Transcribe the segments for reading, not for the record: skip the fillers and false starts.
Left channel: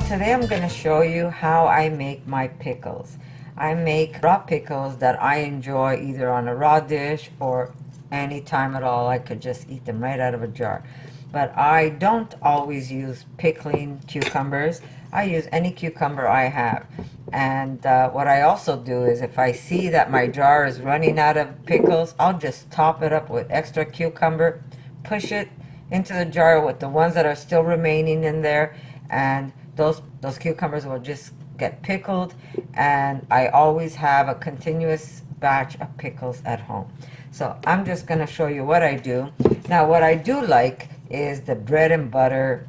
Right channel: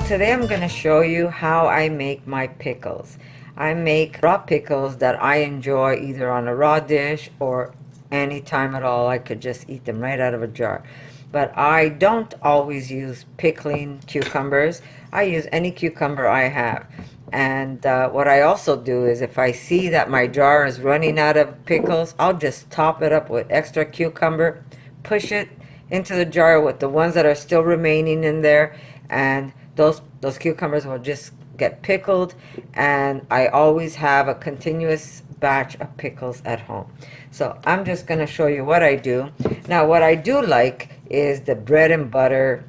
Well, today I'm going to show you how I make my pickles. I make raw pickles that I enjoy either on a raw dish or any time at all. I could just eat them right out of a jar. But I don't always use pickling cucumbers. I use any cucumber I have. And what I also do is if I see that my jar is running out of pickles, I'll just top it up with extra cucumber, push it into the jar with the ones that are still remaining in there, and those cucumbers will just get pickled, and I always have a continuous batch of pickles at home. So I'm just going to show you what I do. Now what I do like is the bread and butter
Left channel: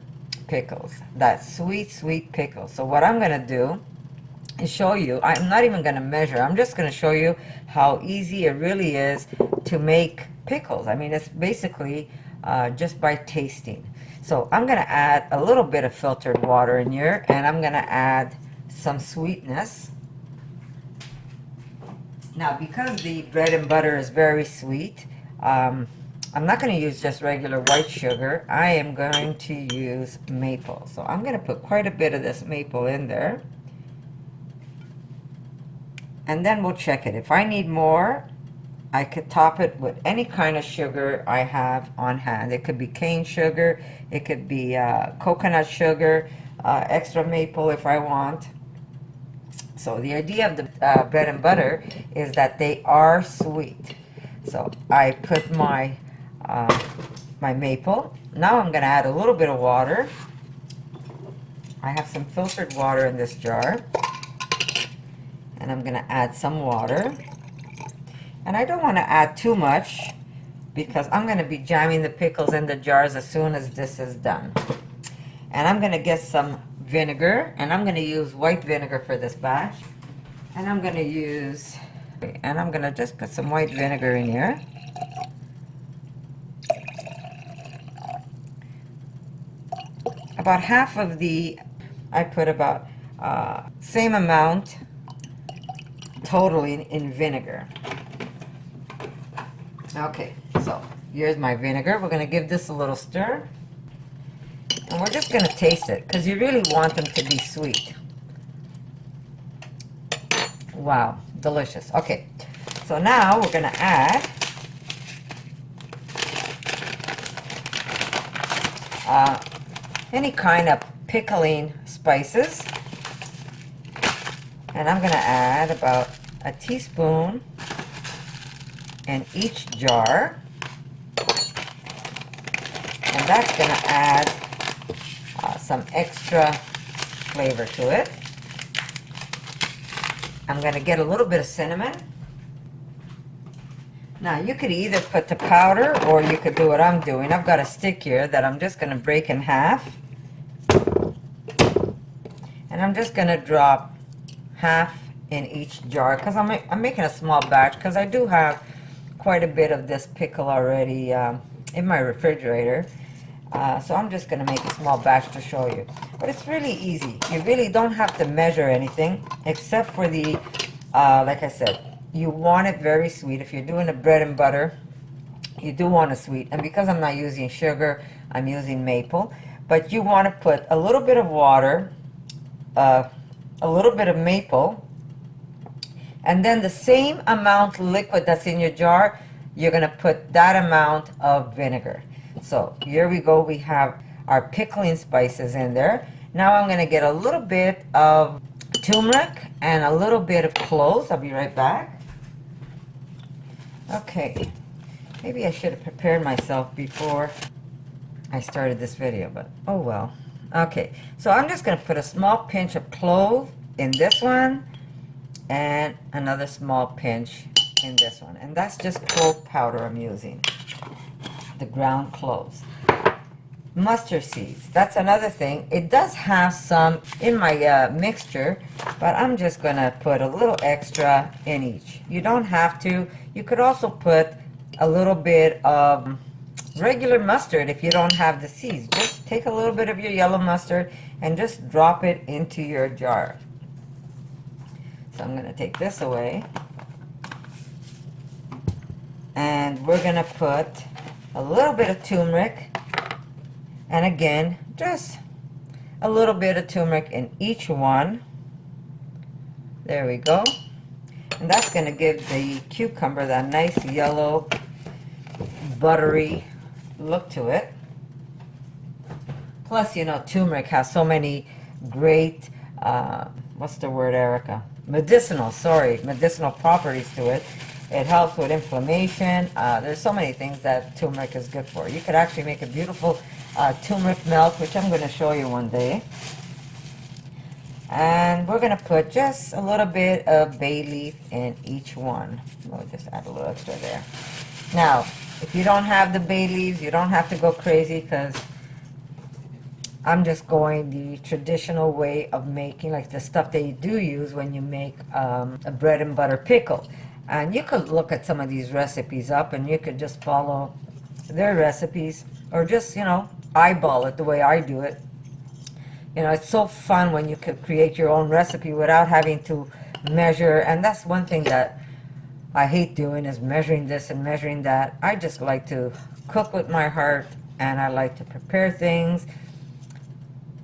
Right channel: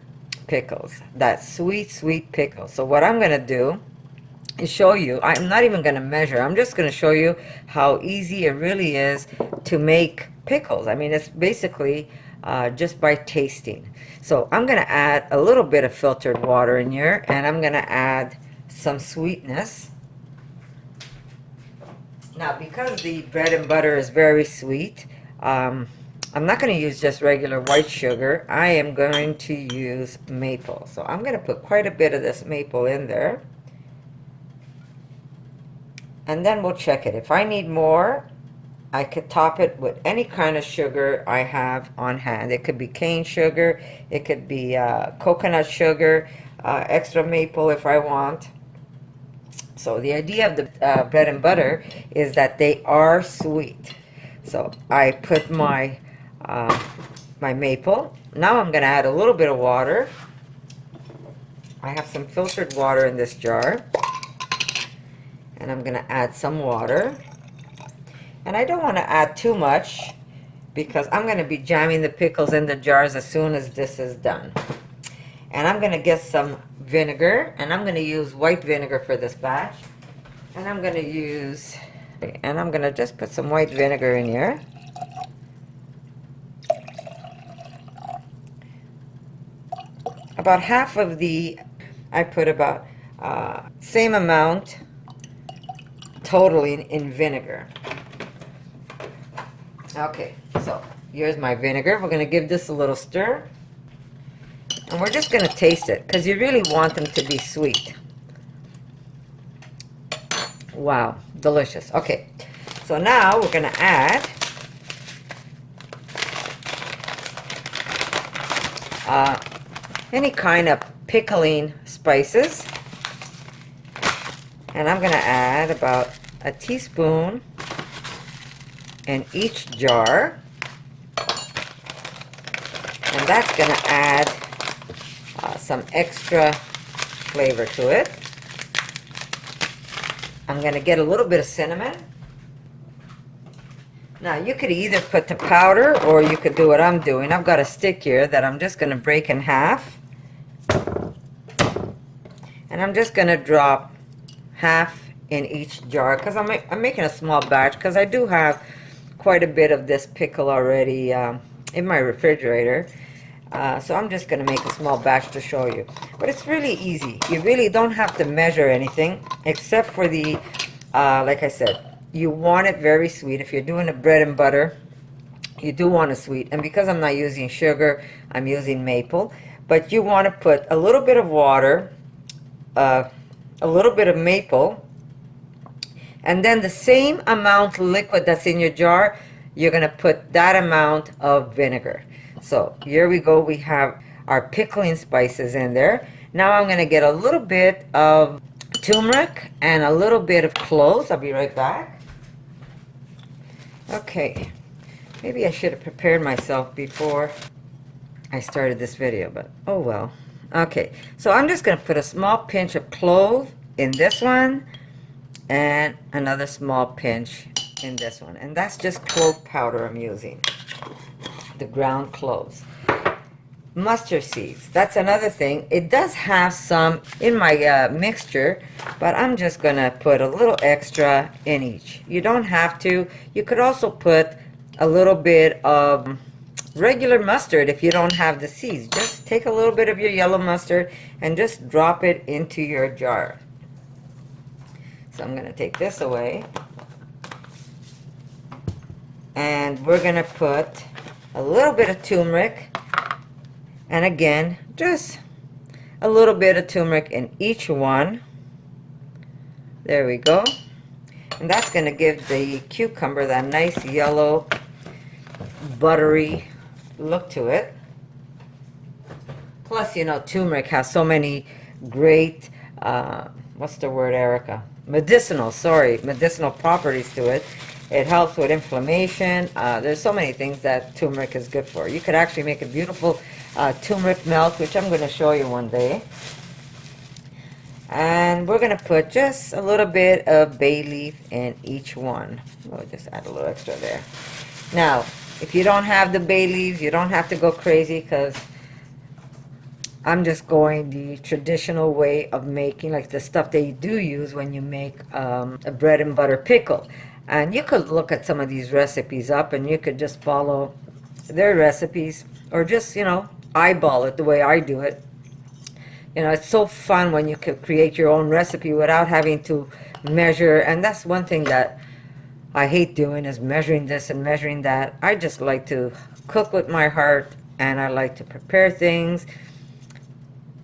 pickles, that sweet pickle. So what I'm going to do is show you, I'm not even going to measure, I'm just going to show you how easy it really is to make pickles. I mean, it's basically just by tasting. So I'm going to add a little bit of filtered water in here, and I'm going to add some sweetness. Now, because the bread and butter is very sweet, I'm not going to use just regular white sugar. I am going to use maple. So I'm going to put quite a bit of this maple in there. And then we'll check it. If I need more, I could top it with any kind of sugar I have on hand. It could be cane sugar, it could be coconut sugar, extra maple if I want. So the idea of the bread and butter is that they are sweet. So I put my my maple. Now I'm going to add a little bit of water. I have some filtered water in this jar, and I'm going to add some water. And I don't want to add too much because I'm going to be jamming the pickles in the jars as soon as this is done. And I'm going to get some vinegar, and I'm going to use white vinegar for this batch. And I'm going to just put some white vinegar in here. About half of I put about same amount totally in vinegar. Okay, so here's my vinegar. We're going to give this a little stir. And we're just going to taste it because you really want them to be sweet. Wow, delicious. Okay, so now we're going to add any kind of pickling spices. And I'm going to add about a teaspoon in each jar, and that's going to add some extra flavor to it. I'm going to get a little bit of cinnamon. Now you could either put the powder or you could do what I'm doing. I've got a stick here that I'm just going to break in half, and I'm just going to drop half in each jar because I'm making a small batch because I do have quite a bit of this pickle already in my refrigerator. So I'm just going to make a small batch to show you. But it's really easy. You really don't have to measure anything except for the, like I said, you want it very sweet. If you're doing a bread and butter, you do want it sweet. And because I'm not using sugar, I'm using maple. But you want to put a little bit of water, a little bit of maple, and then the same amount of liquid that's in your jar, you're going to put that amount of vinegar. So here we go. We have our pickling spices in there. Now I'm going to get a little bit of turmeric and a little bit of cloves. I'll be right back. Okay. Maybe I should have prepared myself before I started this video, but oh well. Okay. So I'm just going to put a small pinch of clove in this one, and another small pinch in this one. And that's just clove powder I'm using, the ground cloves. Mustard seeds, that's another thing. It does have some in my mixture, but I'm just going to put a little extra in each. You don't have to. You could also put a little bit of regular mustard if you don't have the seeds. Just take a little bit of your yellow mustard and just drop it into your jar. So I'm going to take this away, and we're going to put a little bit of turmeric, and again, just a little bit of turmeric in each one. There we go. And that's going to give the cucumber that nice yellow, buttery look to it. Plus, you know, turmeric has so many great, what's the word, Erica? Medicinal properties to it. It helps with inflammation. There's so many things that turmeric is good for. You could actually make a beautiful turmeric milk, which I'm going to show you one day. And we're going to put just a little bit of bay leaf in each one. We'll just add a little extra there. Now, if you don't have the bay leaves, you don't have to go crazy, because I'm just going the traditional way of making, like the stuff that you do use when you make a bread and butter pickle. And you could look at some of these recipes up, and you could just follow their recipes, or just, you know, eyeball it the way I do it. You know, it's so fun when you can create your own recipe without having to measure. And that's one thing that I hate doing, is measuring this and measuring that. I just like to cook with my heart, and I like to prepare things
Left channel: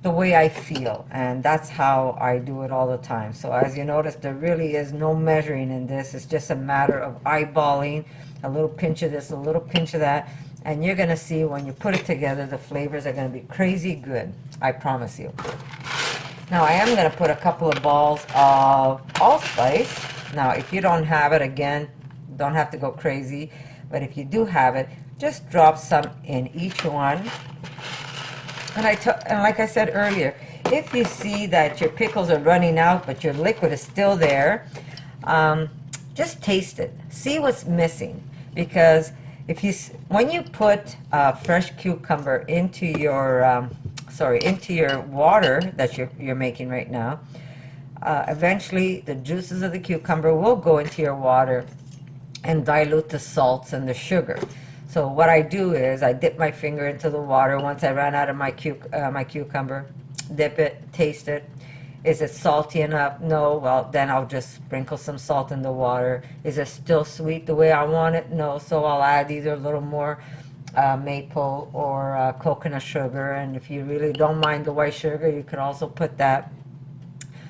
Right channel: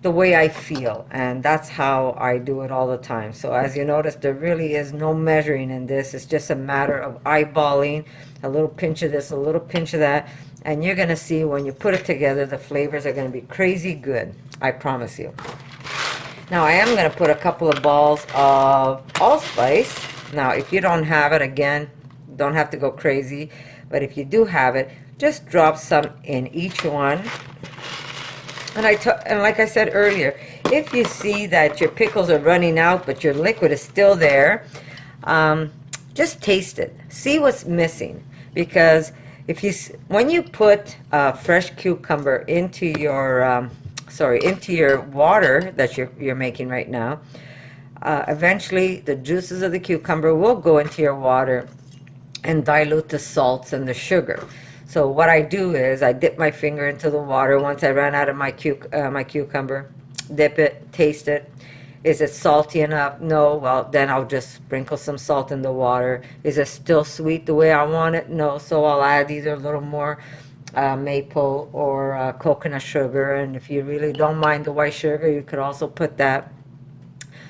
the way I feel, and that's how I do it all the time. So as you notice, there really is no measuring in this. It's just a matter of eyeballing, a little pinch of this, a little pinch of that, and you're going to see when you put it together, the flavors are going to be crazy good. I promise you. Now I am going to put a couple of balls of allspice. Now if you don't have it, again, don't have to go crazy, but if you do have it, just drop some in each one. And like I said earlier, if you see that your pickles are running out but your liquid is still there, just taste it. See what's missing, because when you put fresh cucumber into your into your water that you're making right now, eventually the juices of the cucumber will go into your water and dilute the salts and the sugar. So what I do is I dip my finger into the water once I run out of my cucumber, dip it, taste it. Is it salty enough? No. Well, then I'll just sprinkle some salt in the water. Is it still sweet the way I want it? No. So I'll add either a little more maple or coconut sugar. And if you really don't mind the white sugar, you could also put that.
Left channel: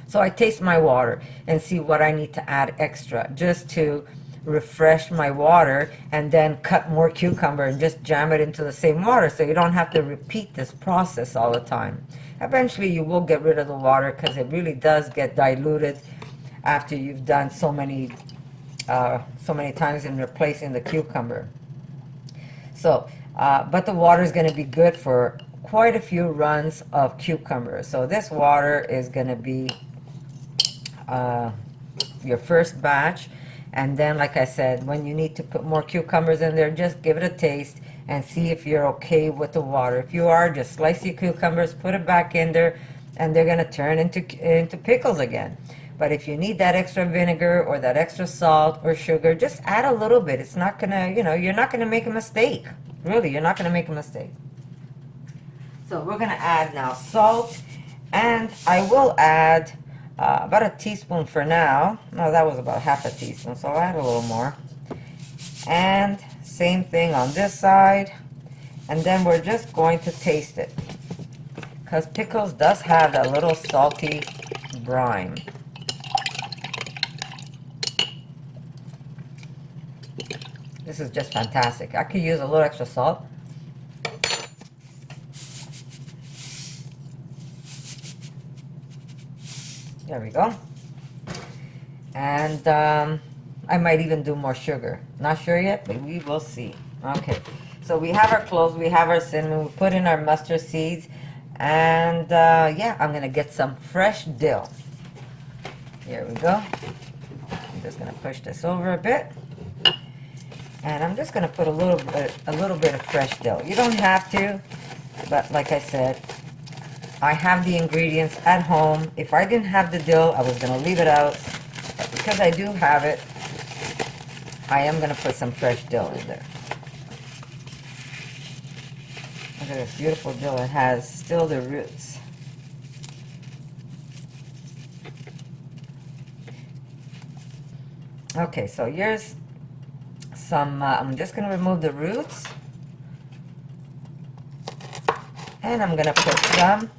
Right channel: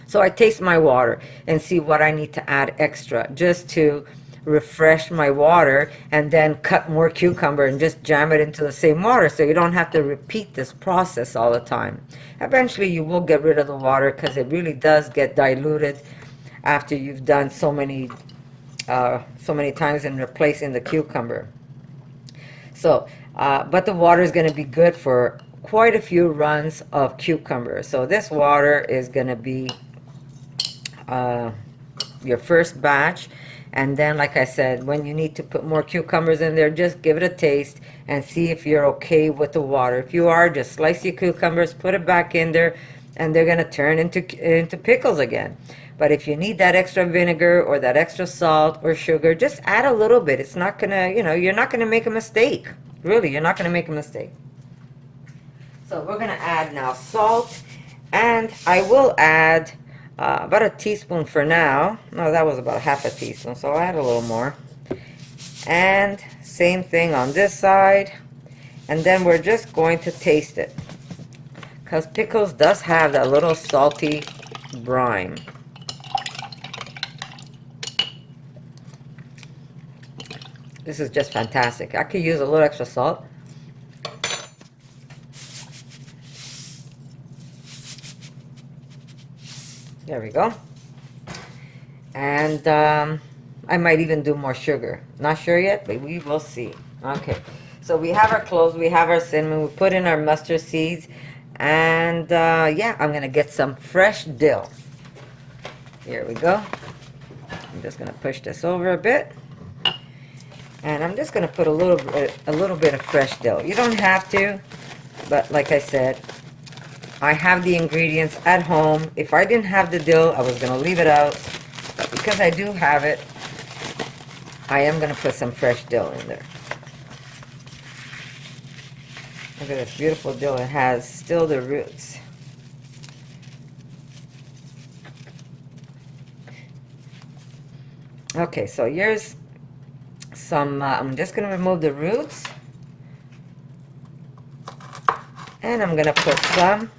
So I taste my water and see what I need to add extra, just to refresh my water, and then cut more cucumber and just jam it into the same water, so you don't have to repeat this process all the time. Eventually you will get rid of the water, because it really does get diluted after you've done so many times in replacing the cucumber. So but the water is going to be good for quite a few runs of cucumber. So this water is going to be your first batch. And then, like I said, when you need to put more cucumbers in there, just give it a taste and see if you're okay with the water. If you are, just slice your cucumbers, put it back in there, and they're going to turn into pickles again. But if you need that extra vinegar or that extra salt or sugar, just add a little bit. It's not going to, you're not going to make a mistake. Really, you're not going to make a mistake. So we're going to add now salt, and I will add about a teaspoon for now. No, that was about half a teaspoon, so I'll add a little more. And same thing on this side. And then we're just going to taste it, because pickles does have that little salty brine. This is just fantastic. I could use a little extra salt. There we go. And I might even do more sugar. Not sure yet, but we will see. Okay, so we have our cloves, we have our cinnamon, we put in our mustard seeds, and yeah, I'm gonna get some fresh dill. Here we go. I'm just gonna push this over a bit, and I'm just gonna put a little bit of fresh dill. You don't have to, but like I said, I have the ingredients at home. If I didn't have the dill, I was going to leave it out. But because I do have it, I am going to put some fresh dill in there. Look at this beautiful dill. It has still the roots. Okay, so here's some, I'm just going to remove the roots. And I'm going to put some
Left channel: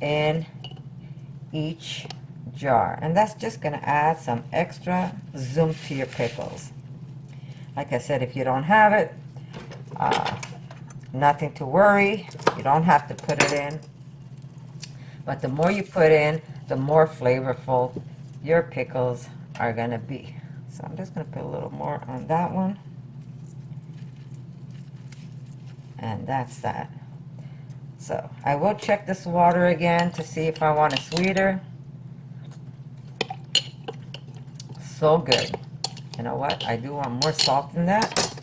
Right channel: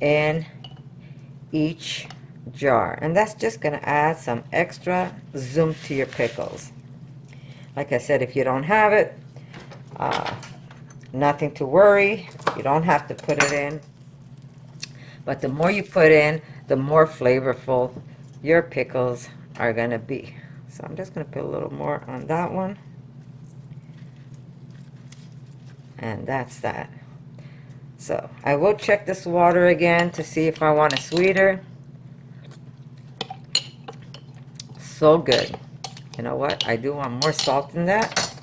in each jar, and that's just going to add some extra zoom to your pickles. Like I said, if you don't have it, nothing to worry. You don't have to put it in, but the more you put in, the more flavorful your pickles are going to be. So I'm just going to put a little more on that one, and that's that. So I will check this water again to see if I want it sweeter. So good. You know what? I do want more salt in that.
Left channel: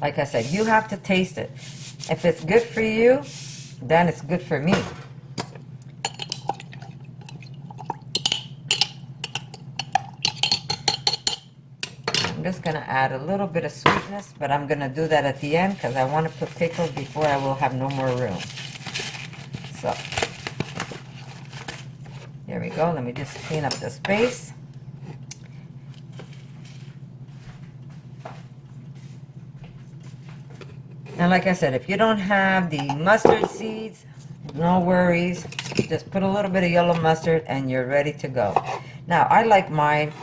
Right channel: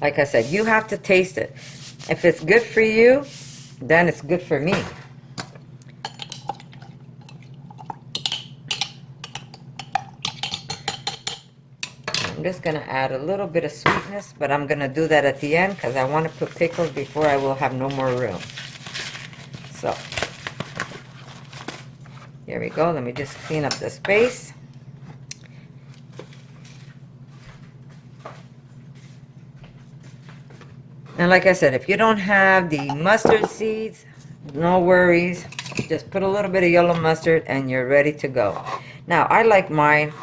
Like I said, you have to taste it. If it's good for you, then it's good for me. I'm just going to add a little bit of sweetness, but I'm going to do that at the end because I want to put pickles before I will have no more room. So, here we go. Let me just clean up the space. And like I said, if you don't have the mustard seeds, no worries. Just put a little bit of yellow mustard and you're ready to go. Now, I like mine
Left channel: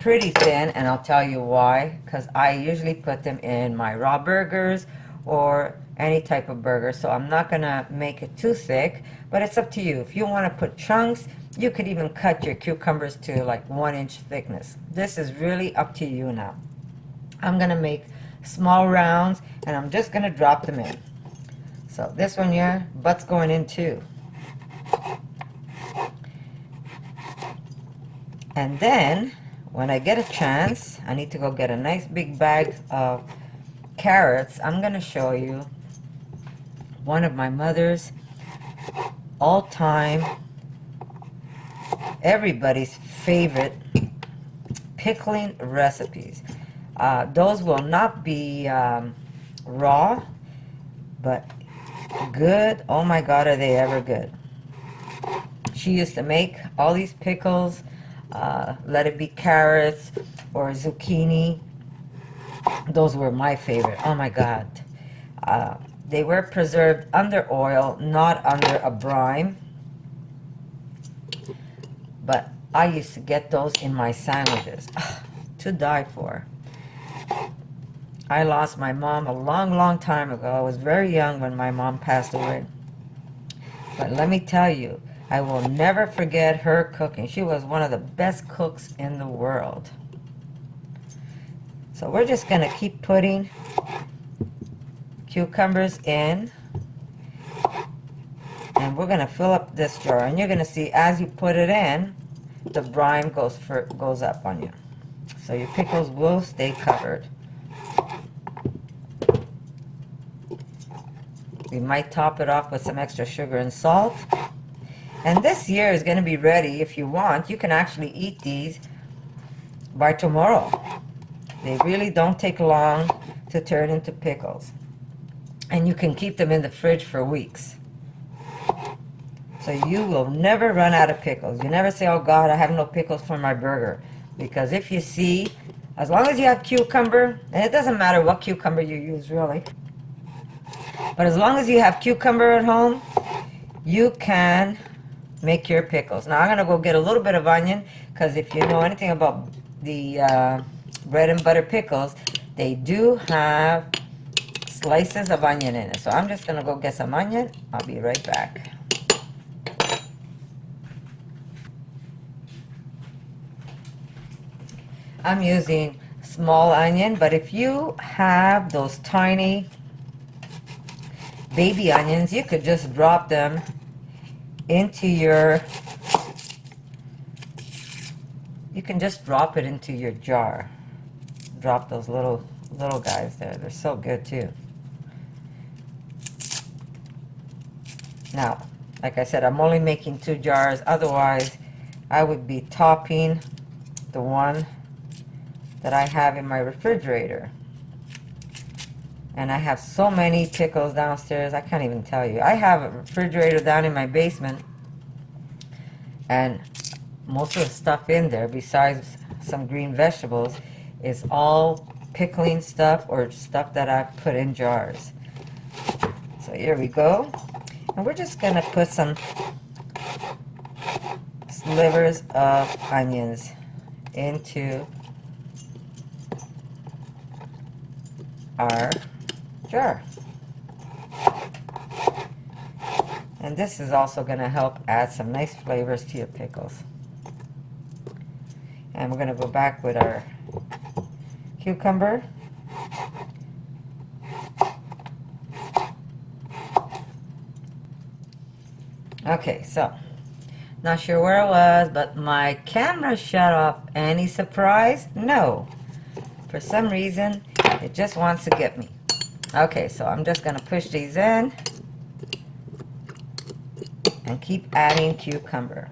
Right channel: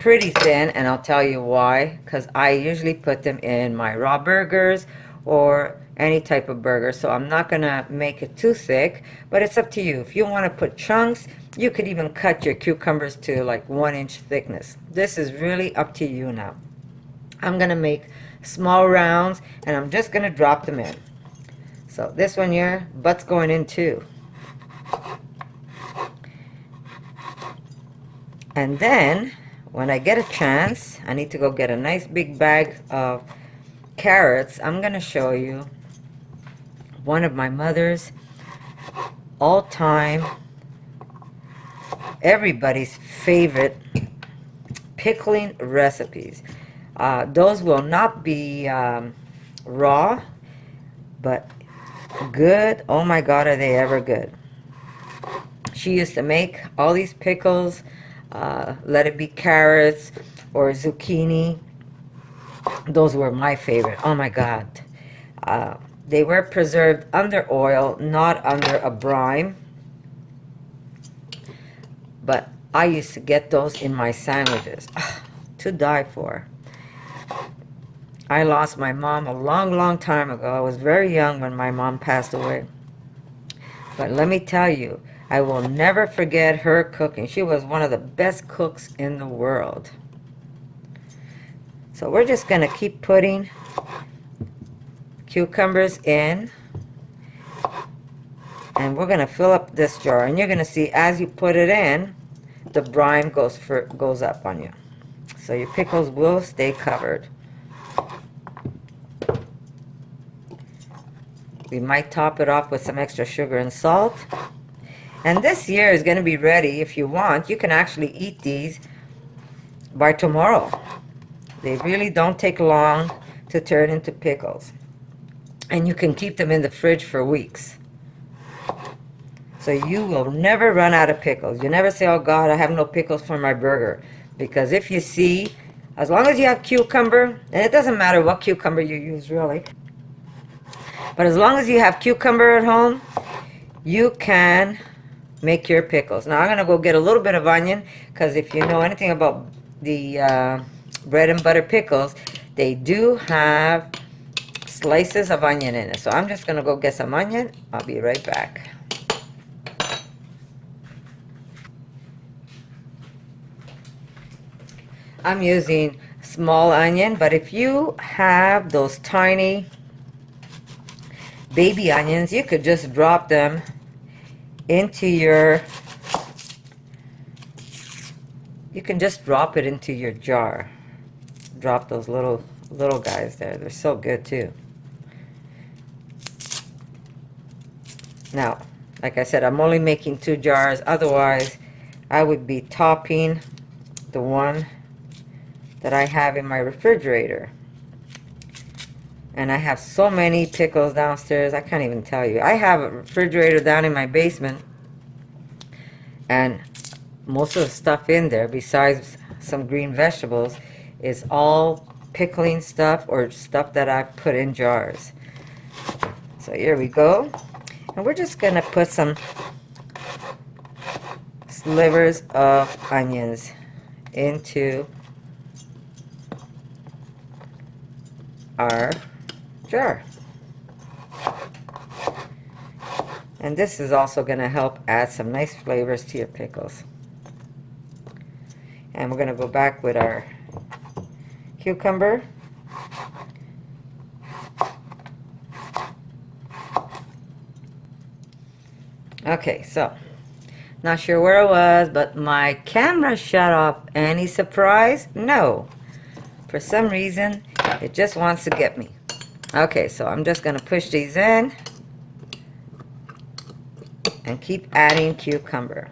pretty thin, and I'll tell you why. Because I usually put them in my raw burgers or any type of burger. So I'm not going to make it too thick, but it's up to you. If you want to put chunks, you could even cut your cucumbers to like 1-inch thickness. This is really up to you now. I'm going to make small rounds, and I'm just going to drop them in. So this one here, butt's going in too. And then, when I get a chance, I need to go get a nice big bag of carrots. I'm going to show you one of my mother's all-time, everybody's favorite pickling recipes. Those will not be raw, but good. Oh my God, are they ever good. She used to make all these pickles, let it be carrots or zucchini. Those were my favorite. Oh my God. They were preserved under oil, not under a brine. But I used to get those in my sandwiches. To die for. I lost my mom a long, long time ago. I was very young when my mom passed away. But let me tell you, I will never forget her cooking. She was one of the best cooks in the world. So we're just going to keep putting cucumbers in. And we're going to fill up this jar. And you're going to see as you put it in, the brine goes up on you. So your pickles will stay covered. We might top it off with some extra sugar and salt. And this year is going to be ready. If you want, you can actually eat these by tomorrow. They really don't take long to turn into pickles. And you can keep them in the fridge for weeks. So you will never run out of pickles. You never say, oh God, I have no pickles for my burger. Because if you see, as long as you have cucumber, and it doesn't matter what cucumber you use really, but as long as you have cucumber at home, you can make your pickles. Now I'm going to go get a little bit of onion, because if you know anything about the bread and butter pickles, they do have slices of onion in it. So I'm just going to go get some onion. I'll be right back. I'm using small onion, but if you have those tiny baby onions, you could just drop them into your, you can just drop it into your jar. Drop those little guys there. They're so good too. Now, like I said, I'm only making 2 jars. Otherwise, I would be topping the one that I have in my refrigerator. And I have so many pickles downstairs, I can't even tell you. I have a refrigerator down in my basement, and most of the stuff in there, besides some green vegetables, is all pickling stuff or stuff that I put in jars. So here we go. And we're just gonna put some slivers of onions into our jar. And this is also going to help add some nice flavors to your pickles. And we're going to go back with our cucumber. Okay, so not sure where I was, but my camera shut off. Any surprise? No. For some reason, it just wants to get me. Okay, so I'm just going to push these in and keep adding cucumber.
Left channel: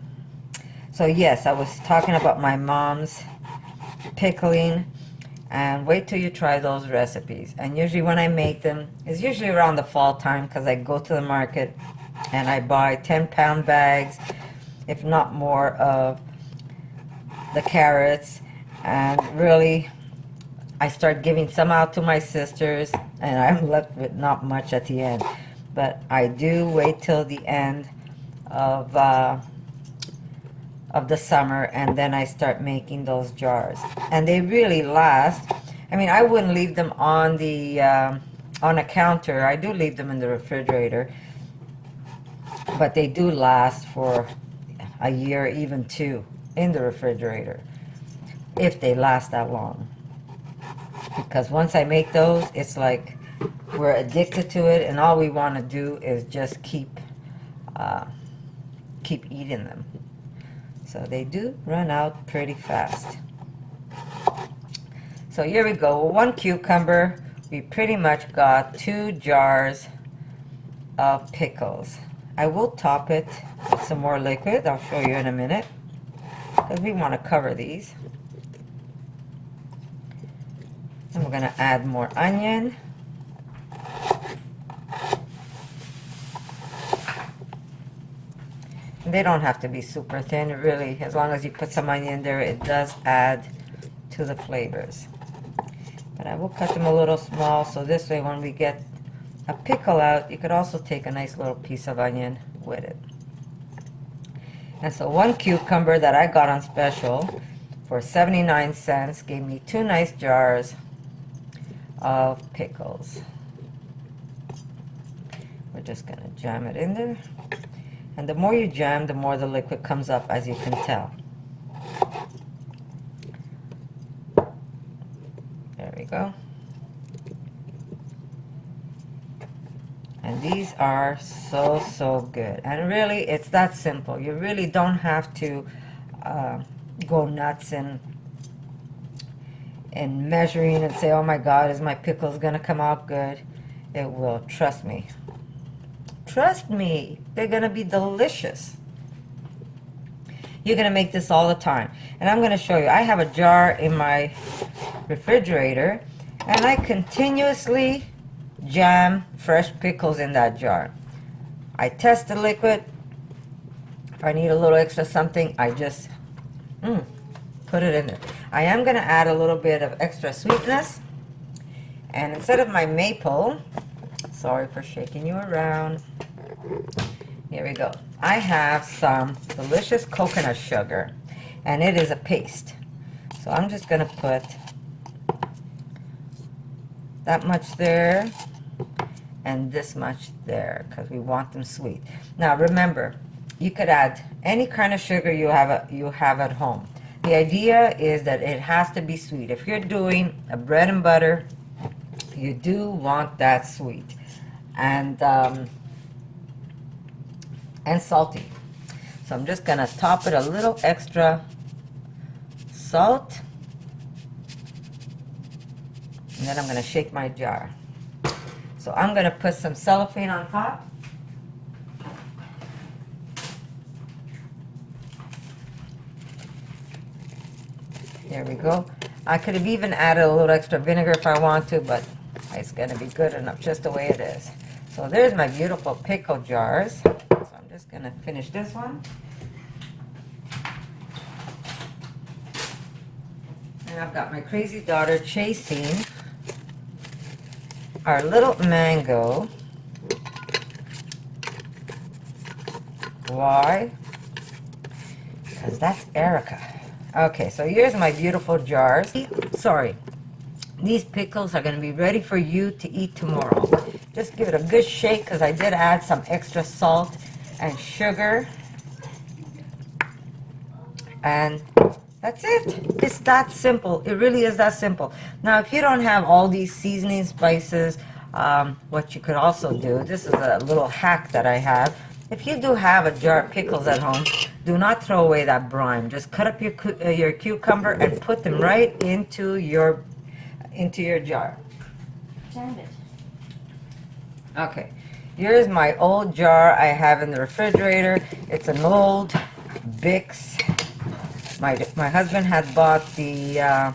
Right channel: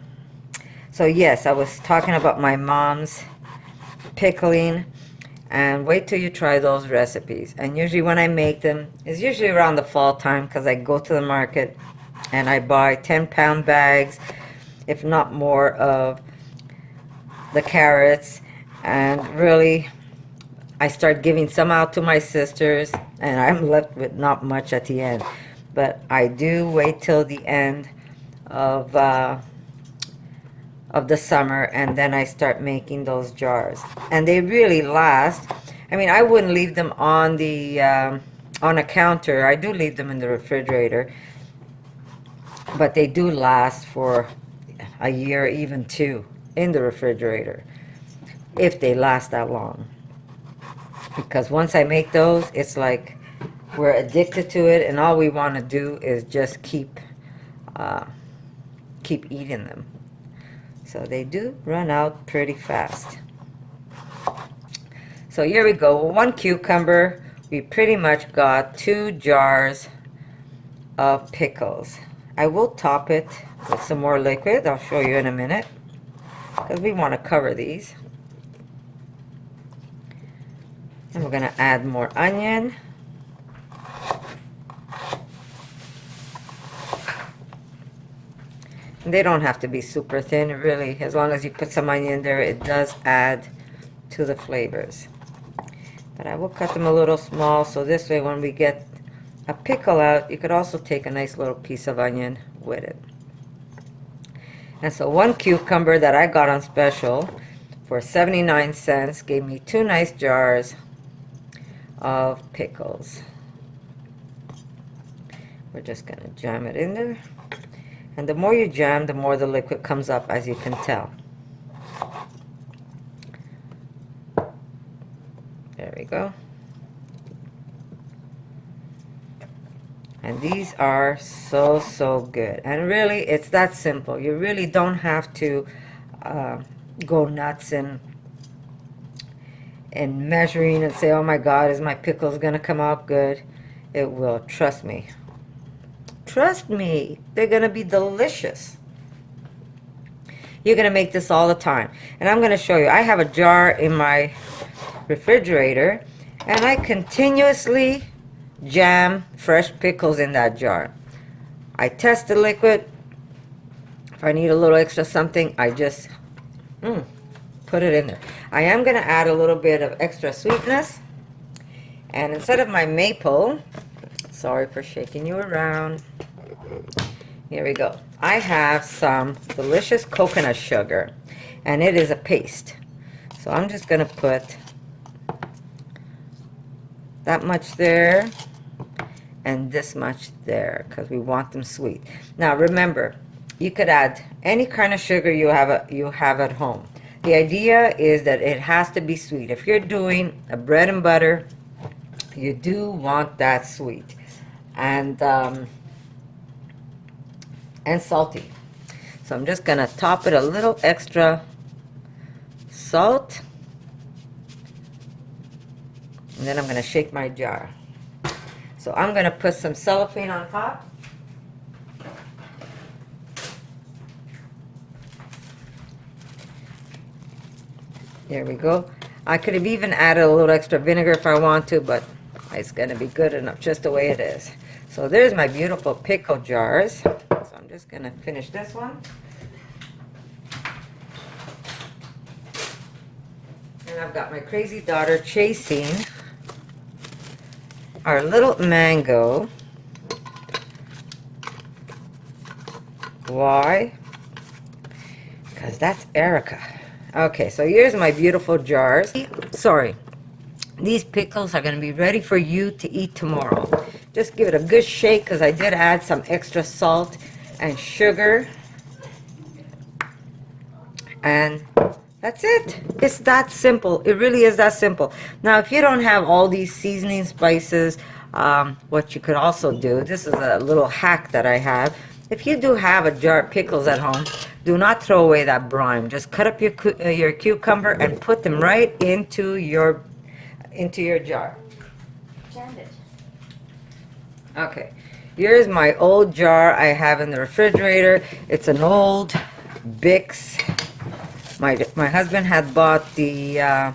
So yes, I was talking about my mom's pickling, and wait till you try those recipes. And usually when I make them, it's usually around the fall time, because I go to the market and I buy 10-pound bags, if not more, of the carrots, and really I start giving some out to my sisters, and I'm left with not much at the end. But I do wait till the end of the summer, and then I start making those jars, and they really last. I mean, I wouldn't leave them on the on a counter. I do leave them in the refrigerator, but they do last for a year, even two, in the refrigerator, if they last that long. Because once I make those, it's like we're addicted to it, and all we want to do is just keep eating them. So they do run out pretty fast. So here we go. One cucumber, we pretty much got 2 jars of pickles. I will top it with some more liquid. I'll show you in a minute, because we want to cover these. And we're going to add more onion. They don't have to be super thin, really. As long as you put some onion in there, it does add to the flavors. But I will cut them a little small, so this way when we get a pickle out, you could also take a nice little piece of onion with it. And so one cucumber that I got on special for 79 cents gave me 2 nice jars of pickles. We're just going to jam it in there. And the more you jam, the more the liquid comes up, as you can tell. There we go. And these are so good. And really, it's that simple. You really don't have to go nuts and measuring and say, oh my God, is my pickles gonna come out good? It will, trust me. Trust me, they're gonna be delicious. You're gonna make this all the time. And I'm gonna show you, I have a jar in my refrigerator, and I continuously jam fresh pickles in that jar. I test the liquid. If I need a little extra something, I just put it in there. I am gonna add a little bit of extra sweetness, and instead of my maple, sorry for shaking you around, here we go. I have some delicious coconut sugar, and it is a paste. So I'm just gonna put that much there and this much there, because we want them sweet. Now remember, you could add any kind of sugar you have at home. The idea is that it has to be sweet. If you're doing a bread and butter, you do want that sweet and salty. So I'm just gonna top it a little extra salt, and then I'm gonna shake my jar. So I'm gonna put some cellophane on top. There we go. I could have even added a little extra vinegar if I want to, but it's gonna be good enough just the way it is. So there's my beautiful pickle jars. So I'm just gonna finish this one. And I've got my crazy daughter chasing our little mango Why? Because that's Erica. Okay, so here's my beautiful jars. Sorry, these pickles are going to be ready for you to eat tomorrow. Just give it a good shake because I did add some extra salt and sugar. And that's it. It's that simple. It really is that simple. Now, if you don't have all these seasoning spices, what you could also do, this is a little hack that I have. If you do have a jar of pickles at home, do not throw away that brine. Just cut up your cucumber and put them right into your jar. Okay, here's my old jar I have in the refrigerator. It's an old Bix. My husband had bought the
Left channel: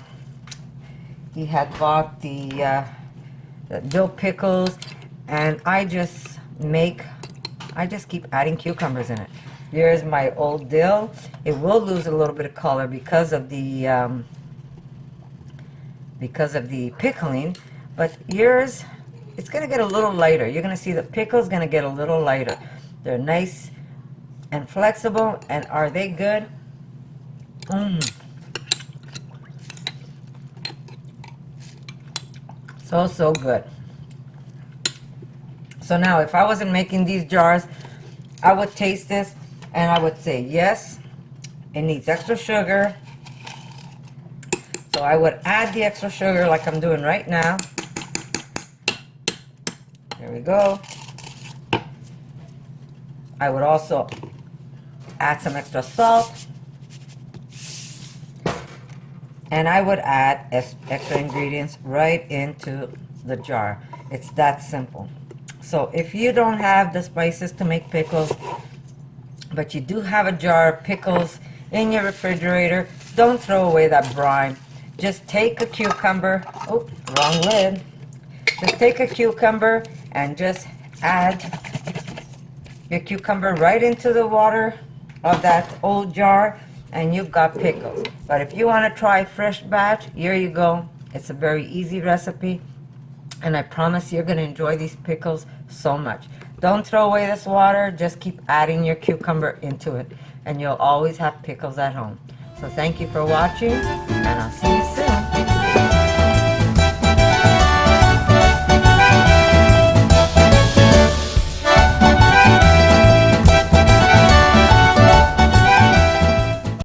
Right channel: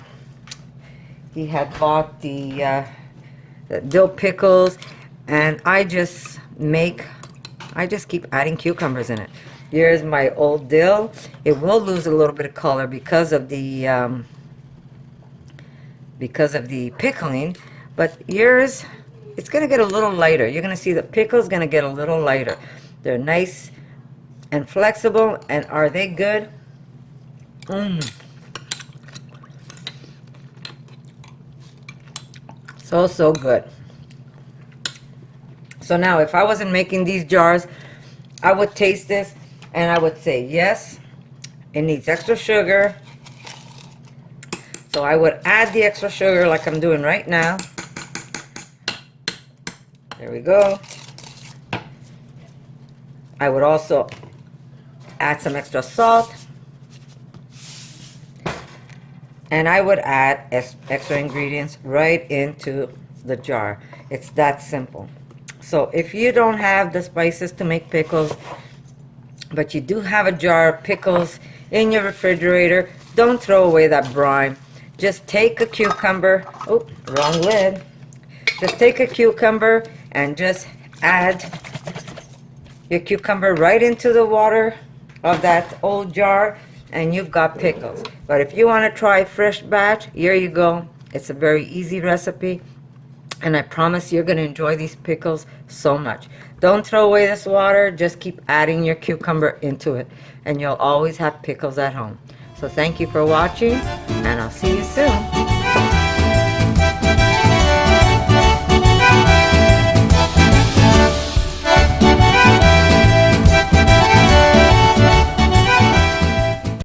dill pickles, and I just keep adding cucumbers in it. Here's my old dill. It will lose a little bit of color because of the pickling, but yours, it's gonna get a little lighter. You're gonna see the pickle's gonna get a little lighter. They're nice and flexible, and are they good? So good. So now, if I wasn't making these jars, I would taste this and I would say, yes, it needs extra sugar. So I would add the extra sugar like I'm doing right now. There we go. I would also add some extra salt. And I would add extra ingredients right into the jar. It's that simple. So if you don't have the spices to make pickles, but you do have a jar of pickles in your refrigerator, don't throw away that brine. Just take a cucumber. Oh, wrong lid. Just take a cucumber and just add your cucumber right into the water of that old jar, and you've got pickles. But if you want to try fresh batch, here you go. It's a very easy recipe, and I promise you're going to enjoy these pickles so much. Don't throw away this water. Just keep adding your cucumber into it, and you'll always have pickles at home. So thank you for watching, and I'll see you soon.